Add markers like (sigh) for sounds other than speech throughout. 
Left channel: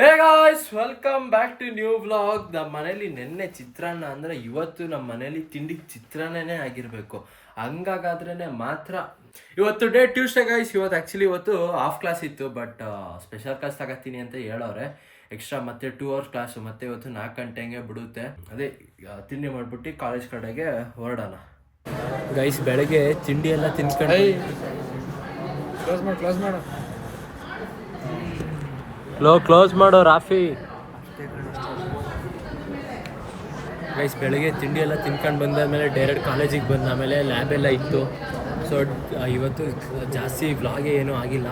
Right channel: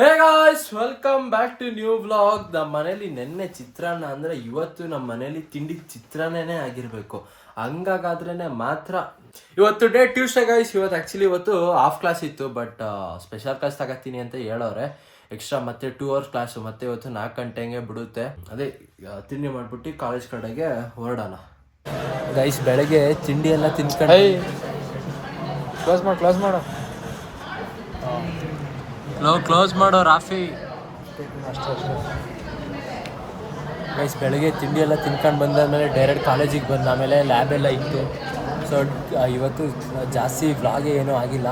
Hey guys welcome back to new vlog ನಮ್ಮ ಮನೇಲಿ ನೆನ್ನೆ ಚಿತ್ರಾನ್ನ ಅಂದರೆ ಇವತ್ತು ನಮ್ಮ ಮನೇಲಿ ತಿಂಡಿ ಚಿತ್ರಾನ್ನನೇ ಆಗಿರಬೇಕು. ಹಂಗಾಗಾದ್ರೇ ಮಾತ್ರ ಇವತ್ತು ಡೇ ಟ್ಯೂಸ್ಡೇ ಗಾಯ್ಸ್ ಇವತ್ತು ಆ್ಯಕ್ಚುಲಿ ಇವತ್ತು ಹಾಫ್ ಕ್ಲಾಸ್ ಇತ್ತು ಬಟ್ ಸ್ಪೆಷಲ್ ಕ್ಲಾಸ್ ತಗೋತೀನಿ ಅಂತ ಹೇಳೋರೆ. ಎಕ್ಸ್ಟ್ರಾ ಮತ್ತೆ ಟೂ ಅವರ್ಸ್ ಕ್ಲಾಸು ಮತ್ತೆ ಇವತ್ತು ನಾಲ್ಕು ಗಂಟೆಗೆ ಬಿಡುತ್ತೆ. ಅದೇ ತಿಂಡಿ ಮಾಡ್ಬಿಟ್ಟು ಕಾಲೇಜ್ ಕಡೆಗೆ ಹೊರಡೋಣ. ಗೈಸ್ ಬೆಳಗ್ಗೆ ತಿಂಡಿ ಎಲ್ಲ ತಿನ್ಕೊಂಡು ಕ್ಲಾಸ್ ಮಾಡು ಕ್ಲಾಸ್ ಮಾಡು. ಲೋ ಕ್ಲೋಸ್ ಮಾಡೋ ರಾಫಿ. ಗೈಸ್ ಬೆಳಗ್ಗೆ ತಿಂಡಿ ಎಲ್ಲ ತಿನ್ಕೊಂಡು ಬಂದಾದ್ಮೇಲೆ ಡೈರೆಕ್ಟ್ ಕಾಲೇಜಿಗೆ ಬಂದ, ಆಮೇಲೆ ಲ್ಯಾಬ್ ಎಲ್ಲ ಇತ್ತು. ಸೊ ಇವತ್ತು ಜಾಸ್ತಿ ವ್ಲಾಗೇ ಏನೂ ಆಗಿಲ್ಲ.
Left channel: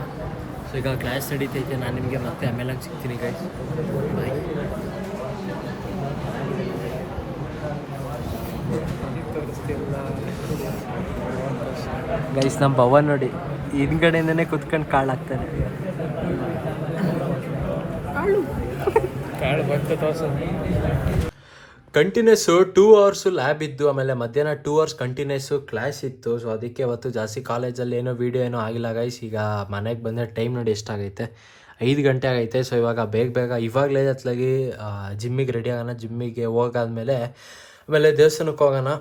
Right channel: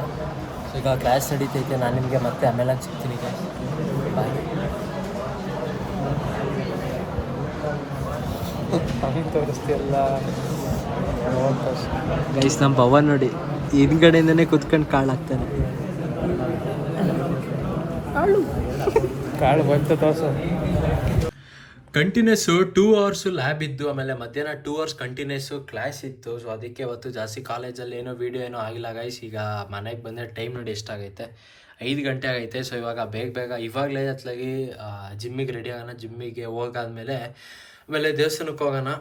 ಸೊ ಈಗ ಕ್ಲಾಸ್ ನಡೀತೈತೆ, ನಾನು ನಿಮಗೆ ಮತ್ತೆ ಆಮೇಲೆ ಸಿಗ್ತೀನಿ ಗೈಸ್ ಬಾಯ್ ಗೈಸ್ ನಮ್ಮ ಪವನ್ ನೋಡಿ, ಹಿಂದ್ಗಡೆಯಿಂದನೇ ಕುತ್ಕೊಂಡು ಕಾಳಾಗ್ತಾನೆ. ಕಾಳು ಕಾಳು ಬರ್ತದೆ ಕಂಟಿನ್ಯೂಸು ಟೂ ಅವರ್ಸು ಲ್ಯಾಬ್ ಇದ್ದು, ಆಮೇಲೆ ಮಧ್ಯಾಹ್ನ ಟೂ ಅವರ್ಸ್ ಕಂಟಿನ್ಯೂಸ್ ಕ್ಲಾಸ್ ಇತ್ತು. ಸೊ ಅದಕ್ಕೆ ಅವತ್ತು ಜಾಸ್ತಿ ಕಾಲೇಜಲ್ಲಿ ಏನೋ ವೀಡಿಯೋ ಏನೋ ಆಗಿಲ್ಲ ಗೈಸ್ ಈಗ ಮನೆಗೆ ಬಂದರೆ ಟೈಮ್ ನೋಡಿ ಎಷ್ಟಾಗೈತೆ. ಐದು ಗಂಟೆ ಆಗೈತೆ. ಸೊ ಇವಾಗ ಬೇಗ ಬೇಗ ಇವಾಗಲೇ ಹತ್ತಲಾಗಿ ಜಿಮ್ಮಿಗೆ ರೆಡಿ ಆಗೋಣ ಜಿಮ್ಮಿಗೆ ಹೋಗಾದ್ಮೇಲೆ, ಆಮೇಲೆ ದೇವಸ್ಥಾನಕ್ಕೆ ಹೋಗೋಣ.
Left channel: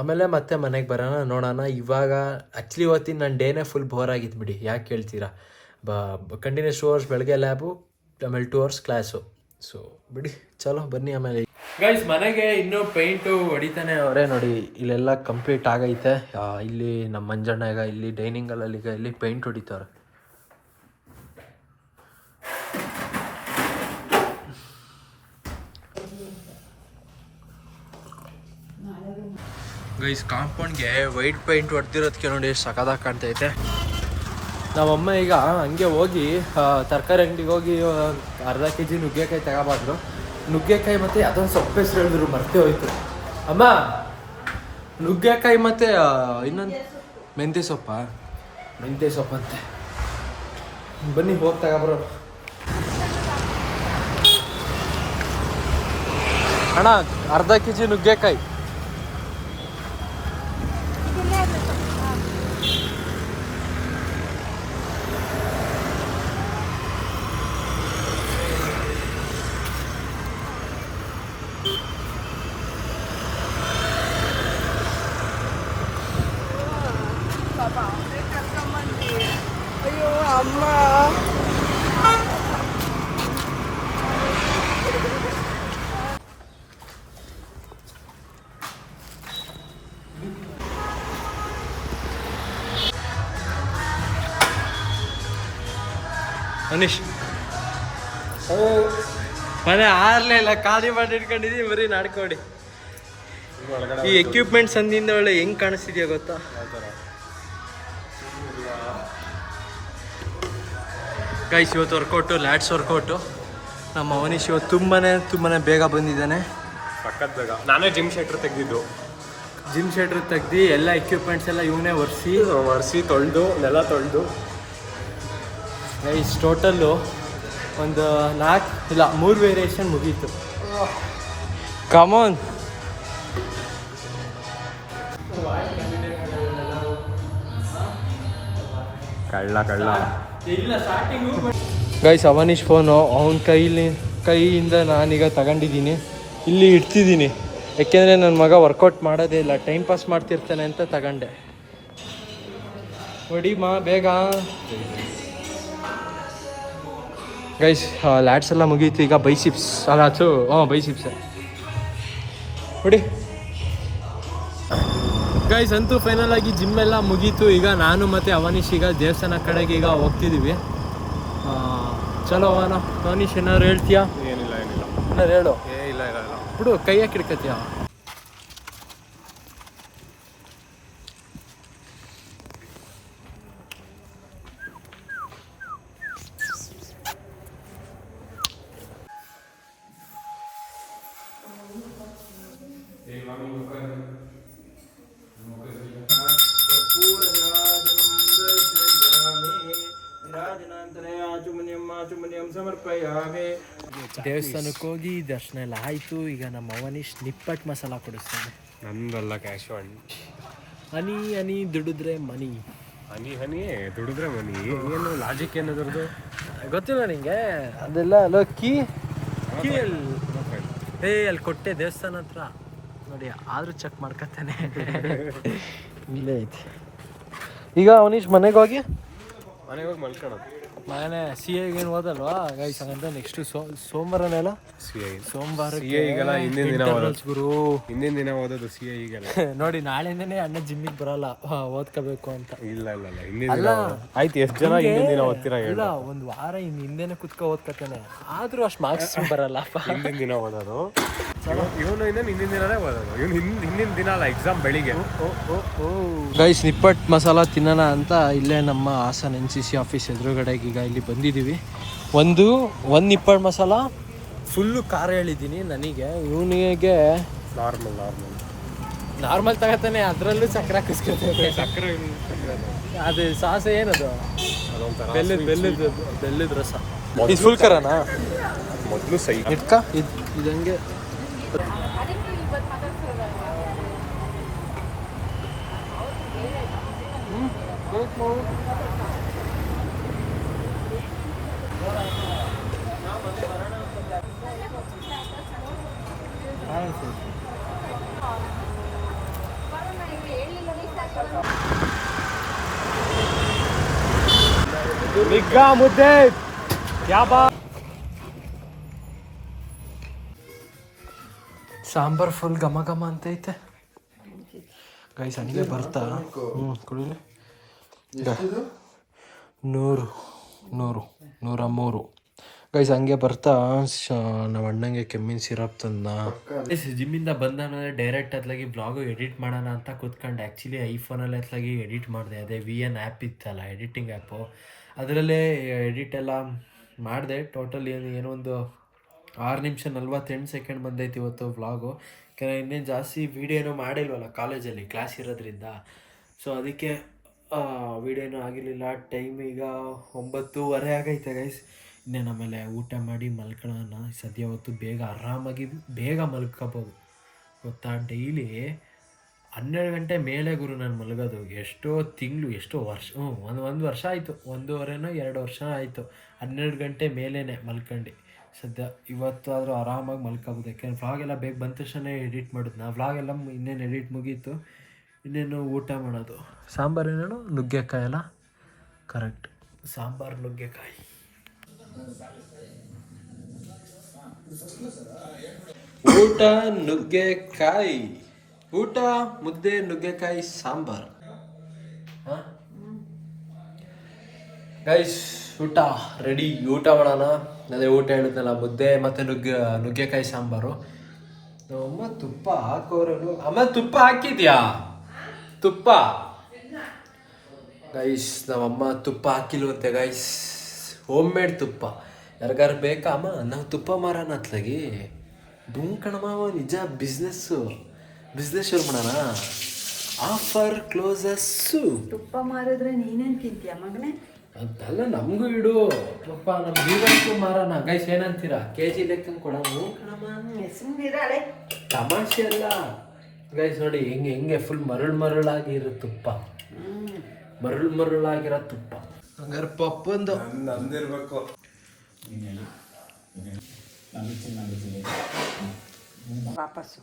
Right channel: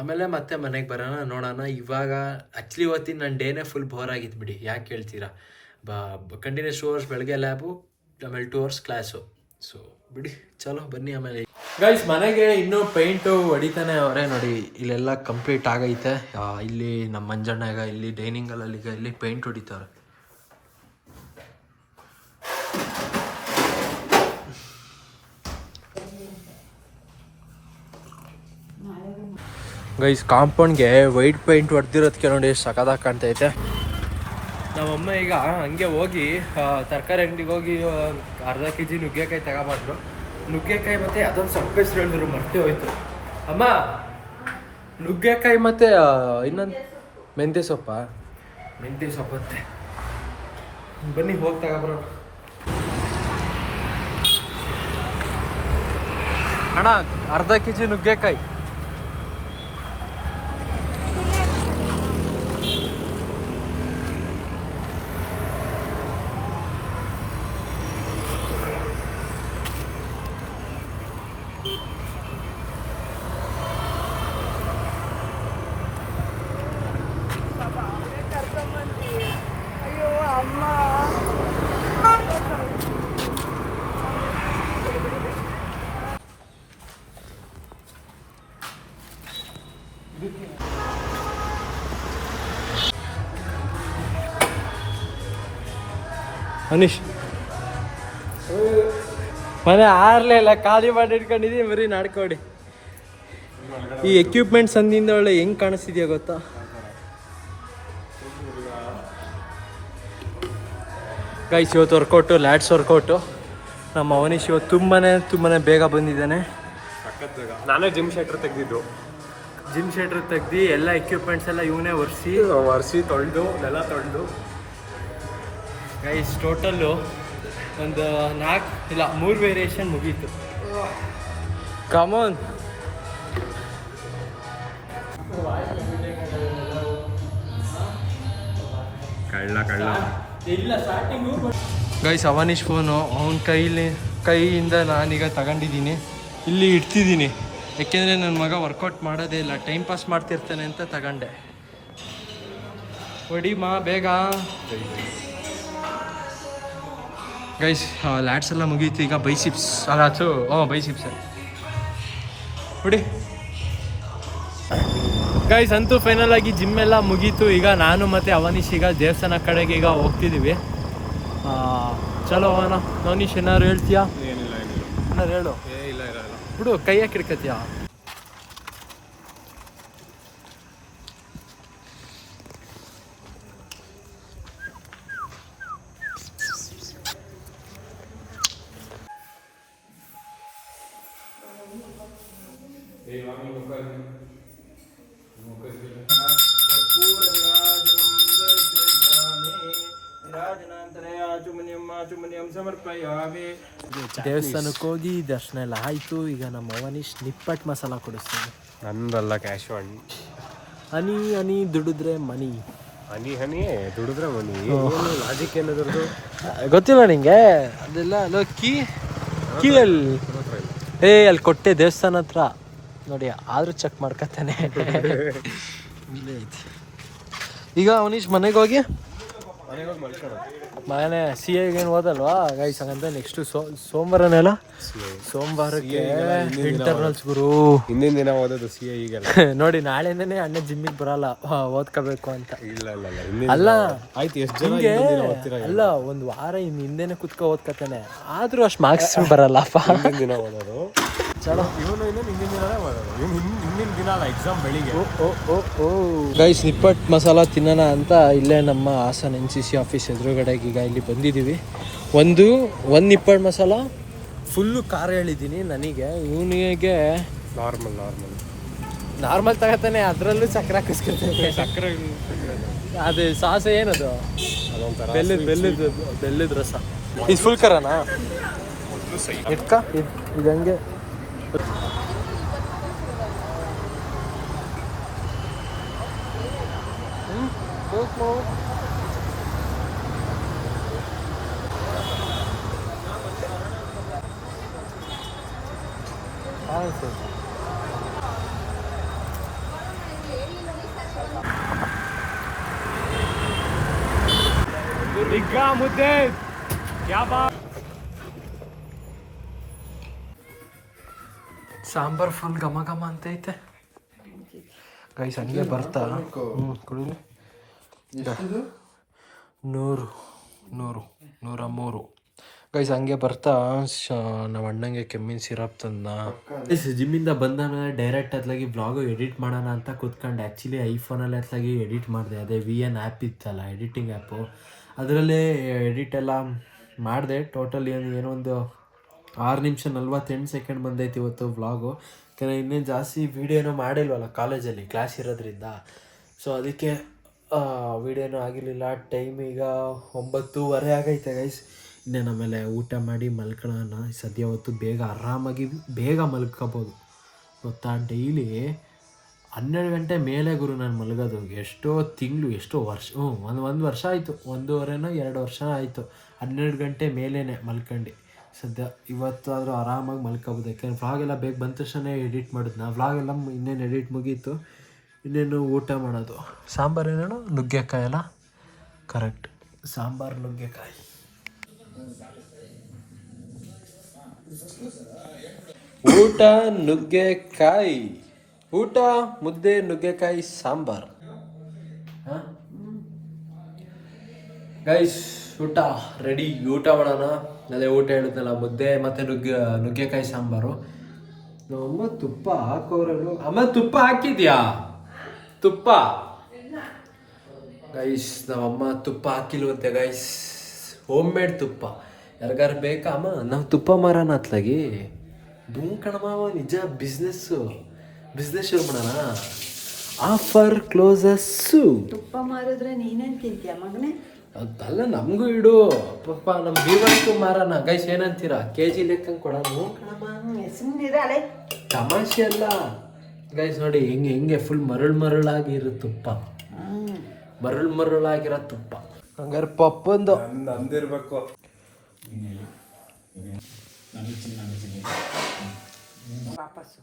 ಆಮೇಲೆ ಮತ್ತೆ ಮನೆಗೆ ಬರೋಣ, ನೋಡೋಣ. ಇವಾಗ ಆ್ಯಕ್ಚುಲಿ ಇವತ್ತಿನ ನನ್ನ ಡೇನೇ ಫುಲ್ ಬೋರ್ ಆಗಿತ್ತು ಬಿಡಿ. ಯಾಕೆ ಹೇಳ್ತೀರಾ? ಬ ಕಂಟಿನ್ಯೂಸ್ ಟೂ ಅವರ್ಸ್ ಬೆಳಗ್ಗೆ ಲ್ಯಾಬು ಆಮೇಲೆ ಟೂ ಅವರ್ಸ್ ಕ್ಲಾಸು ಸೊ ಬಿಡಿ, ಚಲೋ, ಬನ್ನಿ ಆಮೇಲೆ. ಗೈಸ್ ಮನೆಗೆ ಇನ್ನೂ ಪೇಂಟು ಹೊಡಿತಾನೆ ಅವರೇ. ನೋಡಿ, ಇಲ್ಲೆಲ್ಲ ಕಂಪ್ಲೀಟ್ ಆಗೈತೆ. ಇಲ್ಲಿ ನಮ್ಮ ಮಂಜಣ್ಣ ಈಗ ಇಲ್ಲಿ ಡೈನಿಂಗ್ ಅಲ್ಲಿ ಈಗ ಇಲ್ಲಿ ಪೇಂಟ್ ಹೊಡಿತಾರೆ ಗೈಸ್ ಕಾಂಪೌಂಡ್ಗೆ ವೈಟ್ ಪೇಂಟ್ ಹೊಡೆದಿರೋದಕ್ಕೆ ನೋಡಿ ಸಕದಾಗ ಕಾಣ್ತೈತೆ. ನಮ್ಮಮ್ಮ ಈಗ ಹಂಗೆ ಹೋಗಿ ತರಕಾರಿ ಅಂಗಡಿಗೆ ಹೋಗಿ ಅರ್ಧ ಕೆ ಜಿ ನುಗ್ಗೆಕಾಯಿ ತಗೋಬಾರ್ದು ನುಗ್ಗೆಕಾಯಿ ಮತ್ತೆ ಅದೊಂದು ಸೊಪ್ಪು ಹೆಸರು ಹೇಳಿದ್ರು, ಮರ್ತೇ ಹೋಯ್ತು. ಅಮ್ಮ, ನುಗ್ಗೆಕಾಯಿ ಮತ್ತೆ ಇನ್ನೊಂದು ಮೆಂತ್ಯ ಸೊಪ್ಪ? ಮೆಂತ್ಯ ಸೊಪ್ಪಂತೆ. ಬನ್ನಿ, ಹೋಗಿ ತಗೊಬರೋ. ಅಣ್ಣ, ಅರ್ಧ ಕೆ ಜಿ ನುಗ್ಗೆಕಾಯಿ. ಅನೀಶ್ ಮನೆ ಆರ್ಲೇ ಇಲ್ಲ ಖಾಲಿ ಮಾಡಿ ಇಟ್ಕೊಂಡಿದ್ದೀನಿ ಬರೀ ನಡ್ಕೊಡಿ. ಈ ಎಕ್ವಿಪ್ಮೆಂಟ್ಸ್ ಅಂದಿಂದ ಒಳ್ಳೆ ಹೆಂಗ್ ಕಾಣಿಸ್ತಿದ್ಯಾ ಗೊತ್ತಾ? ಗೈಸ್ ಇವತ್ತು ವರ್ಕೌಟು ಲ್ಯಾಡ್ಸ್ ವರ್ಕೌಟು ನಮ್ಮ ಅವನೀಶ್ ಇವತ್ತು ತುಂಬಾ ತುಂಬಾ ಬೇಗ ಬಂದಿದ್ದಾನೆ. ನಾನೇ ಜಿಮ್ ಶೆಟ್ರ್ ತೆಗ್ದಿದ್ದು. ಜಿಮ್ ಶೆಟ್ರ್ ತೆಗ್ದು ಎಲ್ಲ ಎಕ್ವಿಪ್ಮೆಂಟ್ಸ್ ಎಲ್ಲ ಇವನೇ ಒರೆಸಿ. ಒರೆಸಿ ತೊಳೆದು ನೆಲ ತೊಳೆದು. ಗೈಸ್ ಟೋಟಲ್ಲು ಒಂದು ನಾಲ್ಕು ಇಲ್ಲ ಮೂರು ವೇರಿಯೇಷನ್ ಮುಗೀತು. ಕಮೋನ್ ಕಳ್ಳ ಕಳ್ಳ. ಇಲ್ಲ ಸ್ಟಾರ್ಟಿಂಗು ಗೈಸ್ ಅವನೀಶ್ ಫೋನು ಅವನ ಕೈಲಿ ಕೈಯಿಂದ ನಾನೀಗ ತಗೊಂಡಿದ್ದೀನಿ. ಇಲ್ಲಿ ಇಡ್ತಿದ್ದೀನಿ. ಯಾಕೆಂದರೆ ನನ್ನ ಮಗ ವರ್ಕೌಟ್ ಮಾಡೋದೇ ಇಲ್ಲ ಟೈಮ್ ಪಾಸ್ ಮಾಡ್ತಿರ್ತಾನೆ ಅಂತ ತಗೊಂಡೆ. ಹೊಡಿ ಮಾ ಬೇಗ. ಗೈಸ್ ಲ್ಯಾಡ್ಸ್ ಎಲ್ಲ ಮುಗೀತು ಈಗ ಬೈಸಿಪ್ಸ್ ಅದಾತು ಹಾಂ ಬೈಸಿಪ್ಸ್ ನೋಡಿ ಗೈಸ್ ಅಂತೂ ಫೈನಲ್ ಆಗಿ ಜಿಮ್ ಎಲ್ಲ ಮುಗೀತು. ಈಗ ನಾನು ಮತ್ತೆ ಅವನೀಶ್ ಈಗ ದೇವಸ್ಥಾನ ಕಡೆಗೆ ಈಗ ಹೋಗ್ತಿದ್ದೀವಿ ಆ, ಚಲೋ ಅವನ. ಅವನೀಶ್ ಏನಾದ್ರು ಹೇಳ್ತೀಯಾ? ಏನಿಲ್ಲ ಏನಿಲ್ಲ. ಏನಾರು ಹೇಳು. ಏ ಇಲ್ಲ ಇಲ್ಲ ದೇವಸ್ಥಾನಕ್ಕೆ ಹೋಗಿ ದರ್ಶನ ಎಲ್ಲ ಆಯಿತು. ಈಗ ನಮ್ಮ ಅವನೀಶ್ ನಿಪ್ಪಟ್ ಮಸಾಲ ಕೊಡಿಸ್ತಾನೆ. ನಂದಲ್ಲ ಕ್ಯಾಶುವಲ್. ಹನಿ ಹನಿ ದುಡಿದ್ರೆ ಮನಿ. ಹನಿ ಹನಿ ದುಡಿದ್ರೆ ಮನಿ. ಏನು ಲಾಜಿಕ್ ಏನದ್ರದ್ದು ಗೊತ್ತಿಲ್ಲ ನಿಂಗೆ. ಅದೆಲ್ಲ ಅಲ್ಲ ಕೀ ಕೀ ಅಲ್ಲಿ ಏ ಅಲ್ಲಿ ಕೊಟ್ಟೆ ದೇವಸ್ಥಾನ ಹತ್ರ. ನೋಡಿ ಆದರೂ ಚೆಕ್ ಮಾಡ್ಕೊತಾನೆ. (laughs) ಇಲ್ಲೇ ಐತಿ. ಈಗ ಅವನೀಶ್ ಮನೆಗೆ ಹೋಗಿ? ಮನೆಗೆ ಹೋಗಿ ಮಲ್ಕೊಳ್ಳೋದು ನಾನೇ ಸಿ ಐಗೆ ಓದಲ್ವಾ ಗೈಸ್ ಹಂಗಂತ ನೆಕ್ಸ್ಟ್ ಸೋಮವಾರನೆಲ್ಲ? ಸೋಮವಾರಕ್ಕೆ ಇಂಟರ್ನಲ್ಸ್ ಗುರು. ಹಿಂದಿನ ದಿನ ಓದೋದು ಸಿ ಐ ಈಗಲ್ಲ ನೋಡಿ ನಾಳೆಯಿಂದನೇ ಅಣ್ಣ ಜಿಮ್ಮಿಗೆ ಬರಲ್ಲ. ಓದ್ಕೋಬೇಕು ಅಂತ. ಇಲ್ಲ ಇಲ್ಲ ಇಲ್ಲ. ಹಿಂದಿನ ಅಲ್ಲ ಆಯ್ತು ಎಷ್ಟು ಜನ ದಿನ ಓದ್ತೀರಾ ಇಲ್ಲ ಒಂದು ಒಂದ್ ವಾರ ಇನ್ನು ಹಿಂದೆನೆ ಕುತ್ಕೊ ಓದ್ಕತಾನೆ ಆದ್ರೂ ಅಷ್ಟು ಮಾರ್ಕ್ಸ್ ಬರಲ್ಲಪ್ಪ. ಹಿಂದಿನ ದಿನ ಓದೋದು ಇವನು ಇನ್ನೇನು ಹಿಂದಿನ ದಿನನೇ ಇವನು ಹಿಂದಿನ ಹಿಂದಿನ ದಿನ ಅಲ್ಲ ಎಕ್ಸಾಮ್ ಬೆಳಿಗ್ಗೆ. ಗೈಸ್ ನಿಪ್ಪಟ್ ಮಸಾಲ ತಿನ್ನೋಣ ಅಂತ ಇಲ್ಲೇ ನಮ್ಮ Hassan N C C office ಎದುರುಗಡೆಗೆ ಈಗ ಇಲ್ಲಿ ಬಂದಿದ್ದೀವಿ. ಒಂದು ಒಂದು ನಿಪ್ಪಟ್ ಮಸಾಲ ಫುಲ್ಲು ಖಾರ ಹೇಳಿದ್ದೀನಿ ನನಗೆ. ಇವನಿಗೆ ನಾರ್ಮಲ್ ನಾರ್ಮಲ್ ನಾರ್ಮಲ್ ತಗೋತಾನೆ ಅದರಲ್ಲೂ ಸಕ್ಕರೆ ಹಾಕಿಸ್ಕೊತಾನೆ ಸಕ್ಕರೆ ಅದು ಸಾಸೆ ಏನದು? ಬೆಲ್ಲದ ಬೆಲ್ಲದ ಬೆಲ್ಲದ ರಸ. ಇದು ಫುಲ್ ಖಾರನಾ? ಮೊದಲು ಸೈ ಇಟ್ಕ ಇದು ಇದು ಹಂಗೆ ಹ್ಮ್ ಬೇಕು ಬಿಗ್ಗ ಮುದ್ದೆ ಯಾಬಾ ಸಾಂಬಾರ್ ಫುಲ್ ಘಮ ಘಮ ಅಂತ ಐತೆ ಗೈಸ್ ಹಂಗೆ ಬರ್ತಾ. ಹ್ಞೂ ಕುಡಿಲಿ. ನೂರು ನೂರು, ನೂರ ಮೂರು. ಗೈಸ್ ಹಂಗೆ ಬರ್ತಾ. ನಮ್ಮ ಅಣ್ಣಂಗೆ ಕೆಮ್ಮಿನ ಸಿರಪ್ ತಂದ ಜಿಮ್ಮಿಂದ ಬಂದ ಮೇಲೆ ಡೈರೆಕ್ಟ್ ಅತ್ಲಾಗಿ ಬ್ಲಾಗು ಎಡಿಟ್ ಮಾಡೋಣ ಅಂತ ಕೂತ್ಕೊಂಡು. ಆ್ಯಕ್ಚುಲಿ ಐಫೋನಲ್ಲಿ ಅತ್ಲಾಗಿ ಎಡಿಟ್ ಮಾಡಿದೆ. ಅದೇ ವಿ ಎನ್ ಆ್ಯಪ್ ಇತ್ತಲ್ಲ ಎಡಿಟಿಂಗ್ ಆ್ಯಪು ಅದರಲ್ಲೇ ಎಡಿಟ್ ಎಲ್ಲ ಮಾಡಿದೆ. ಟೋಟಲ್ ಏನು ಏನೋ ಒಂದು ಆರು ನಿಮಿಷ ನಲ್ವತ್ತೆಂಟು ಸೆಕೆಂಡ್ ಬಂದೈತಿ ಇವತ್ತು ವ್ಲಾಗು ಯಾಕಂದರೆ ಇನ್ನೇನು ಜಾಸ್ತಿ ವೀಡಿಯೋನೂ ಮಾಡಿಲ್ವಲ್ಲ ಕಾಲೇಜಲ್ಲಿ ಕ್ಲಾಸ್ ಇರೋದ್ರಿಂದ. ಸೊ ಅದಕ್ಕೆ ವೀಡಿಯೋನೂ ಆಗಿರಲಿಲ್ಲ. ಟೈಮ್ ಈಗ ಒಂಬತ್ತೂವರೆ ಆಗೈತೆ ಗೈಸ್ ಇನ್ನೇನು ಆಮೇಲೆ ಊಟ ಮಾಡಿ ಮಲ್ಕೊಳ್ಳೋಣ. ಸದ್ಯ ಹೊತ್ತು ಬೇಗ ಆರಾಮಾಗಿ, ಬೇಗ ಮಲ್ಕೋಬೋದು. ಗೊತ್ತಾ? ಡೈಲಿ ಹನ್ನೆರಡು ಗಂಟೆ ಮೇಲೆ ಗುರು ನಾನು ಮಲಗೋದು. ಎಷ್ಟೋ ತಿಂಗಳು, ಎಷ್ಟೋ ವರ್ಷ ಹ್ಞೂ ಒಂದು ಒಂದು ವರ್ಷ ಆಯಿತು. ಒಂದೂವರೆನೋ, ಎರಡು ವರ್ಷ ಆಯಿತು. ಹನ್ನೆರಡು ಗಂಟೆ ಮೇಲೇ ಮಲ್ಕೊಂಡು. ಸದ್ಯ ಇವತ್ತಾದರೂ ಆರಾಮಾಗಿ ಮಲ್ಕೋಬೋದು. ಯಾಕೆಂದ್ರೆ ವ್ಲಾಗ್ ಎಲ್ಲ ಬೇಗ ಬಂದ ತಕ್ಷಣ ಎಡಿಟ್ ಮಾಡಿದ್ನ. ವ್ಲಾಗ್ ಎಲ್ಲ ಇನ್ನೇನು ಎಡಿಟ್ ಮುಗೀತು ಇನ್ನೇನು ಊಟ ಮಾಡೋದು? ಸಾಂಬಾರು ಏನೇನು? ನುಗ್ಗೆಕಾಯಿ ಅಲ್ಲ? ಕರೆಕ್ಟ್ ಸಾಂಬಾರು ನುಗ್ಗೆಕಾಯಿ. ಊಟ ನುಗ್ಗೆಕಾಯಿ. ಊಟ ಮುದ್ದೆ ನುಗ್ಗೆಕಾಯಿ ಸಾಂಬಾರು. ಗೈಸ್ ಊಟ. ರೆಡಿ ಊಟ ಮಾಡೋಣ. ಅದೇ ಊಟ ಹೇಳಿದ್ನಲ್ಲ ಮುದ್ದೆ ಮತ್ತೆ ನುಗ್ಗೆ, ನುಗ್ಗೆಕಾಯಿ ಸಾಂಬಾರು. ಅಮ್ಮ ತುಪ್ಪ ಹಾಕೋರಲ್ಲು ಅಮ್ಮ, ತುಪ್ಪ ಹಾಕಿದ್ಯಾ? ತುಪ್ಪ. ಗೈಸ್ ನಮ್ಮಮ್ಮ ತುಪ್ಪ ಹಾಕಿಲ್ವಂತೆ ಗೈಸ್ ಹೋಮ್ ಮೇಡ್ ತುಪ್ಪ. ಯಾರಿಗಾರು ಬೇಕಾ, ಅಮ್ಮ? ನಾವು ತುಪ್ಪ ಮಾರೋಣ ಅತ್ಲಾಗಿ. ಬುಂಕಣಮ್ಮ ಕಣಮ್ಮ ನಿಜ ಬಿಸ್ನೆಸ್ಸು ಬಿಸ್ನೆಸ್ ಶುರು ಮಾಡೋಣ. ಆಫರ್ ಕ್ಲೋಸಸ್ಸು ತುಪ್ಪ ಮಾರಿದ್ರೆ ನೀನೇನ್ ತಿಂತೀಯ ಮಗನೇ? ಅದಲ್ಲ ನಮಗೂ ಇಡು. ಪಾಪ ನಮ್ಮ ಜೀವನಕ್ಕೂ ಮಾರಣ ಗೈಸ್ ಏನಂತೀರಾ? ಕೆ ಜಿ ಲೆಕ್ಕಂಗೆ ಕೊಡೋಣ ತಮಾಷೆ ಅಲ್ಲ. ಗೈಸ್ ನೋಡಿ ಹೆಂಗೆ ಹೆಂಗೆ ಫುಲ್ ಮರಳು ಮರಳಾಗಿ ಇರೋ ತುಪ್ಪ. ಮರಳು ಮರಳಾಗಿರೋ ತುಪ್ಪ. ಹಂಗಾರೆ ಪಪ್ಪಂದು. ನಂದಿರ್ಬೇಕು ವಾಪಸ್ಸು.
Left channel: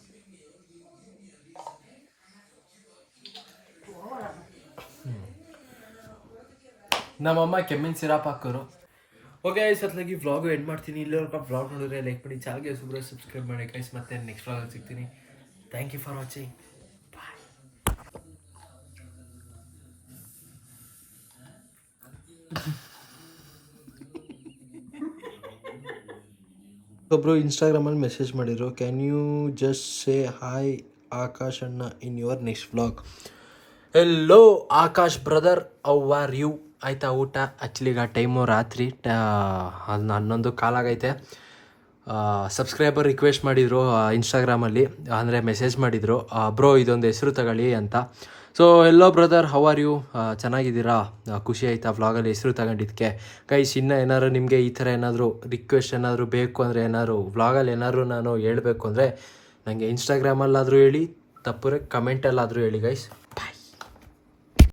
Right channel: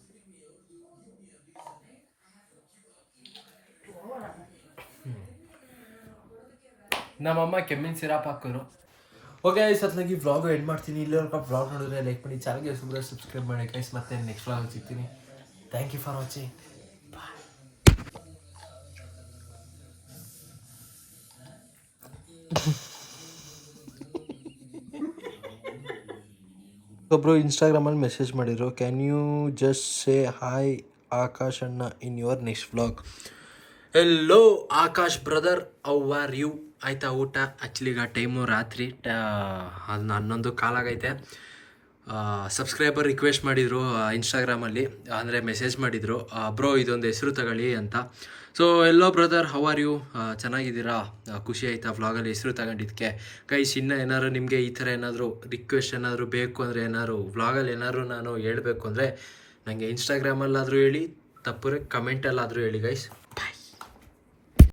ನಮ್ಮಮ್ಮ ಕೆಮ್ಮಿನ ಸಿರಾಪ್ ಹಾಕೋರು. ಓಕೆ ಸತ್ಲಾಗಿ ವ್ಲಾಗು ಎಂಡ್ ಮಾಡ್ತೀನಿ. ಇಲ್ಲಿವರೆಗೂ ವ್ಲಾಗ್ ನೋಡಿದ್ರೆ ಲೈಕ್ ಮಾಡಿ ಚಾನಲ್ಗೆ ಸುಬ್ರ ಸಬ್ಸ್ಕ್ರೈಬ್ ಮಾಡಿ ಗೈಸ್ ಮತ್ತೆ ನೆಕ್ಸ್ಟ್ ವ್ಲಾಗ್ ಸಿಗ್ತೀನಿ. ಥ್ಯಾಂಕ್ ಯು ಫಾರ್ ವಾಚಿಂಗ್ ಒಬ್ಬರು ಇನ್ಸ್ಟಾಗ್ರಾಮಲ್ಲಿ ಮೆಸೇಜ್ ಮಾಡಿದರು can you just say hi Akash ಅಣ್ಣ in your next vlog hello Akash brother are you ಆಯ್ತಾ ಊಟ? ಆ್ಯಕ್ಚುಲಿ ಈಗ ಟೈಮು ರಾತ್ರಿ ಅದನ್ನ ಹನ್ನೊಂದು ಕಾಲಾಗೈತೆ ಸಬ್ಸ್ಕ್ರೈಬರ್ ರಿಕ್ವೆಸ್ಟ್ ಮಾಡಿದರು ಇನ್ಸ್ಟಾಗ್ರಾಮಲ್ಲಿ ಅಂದರೆ ಮೆಸೇಜ್ ಮಾಡಿದರು ಬ್ರೋ ಇದೊಂದು ಹೆಸರು ತಗೊಳ್ಳಿ ಅಂತ. So hello brother how are you ಚೆನ್ನಾಗಿದ್ದೀರಾ? ಖುಷಿ ಆಯ್ತಾ ವ್ಲಾಗಲ್ಲಿ ಹೆಸರು ತಗೊಂಡಿದ್ದಕ್ಕೆ ಗೈಸ್ ಇನ್ನೂ ಏನಾದ್ರು ನಿಮಗೆ ಈ ಥರ ಏನಾದರೂ ರಿಕ್ವೆಸ್ಟ್ ಏನಾದರೂ ಬೇಕು ಅಂದರೆ ಏನಾದ್ರು ವ್ಲಾಗಲ್ಲಿ ಏನಾದರೂ ನಾನು ಹೇಳಬೇಕು ಅಂದರೆ ನನಗೆ ಇನ್ಸ್ಟಾಗ್ರಾಮಲ್ಲಾದರೂ ಹೇಳಿ ತಪ್ಪರೆ ಕಮೆಂಟಲ್ಲಾದರೂ ಹೇಳಿ ಗೈಸ್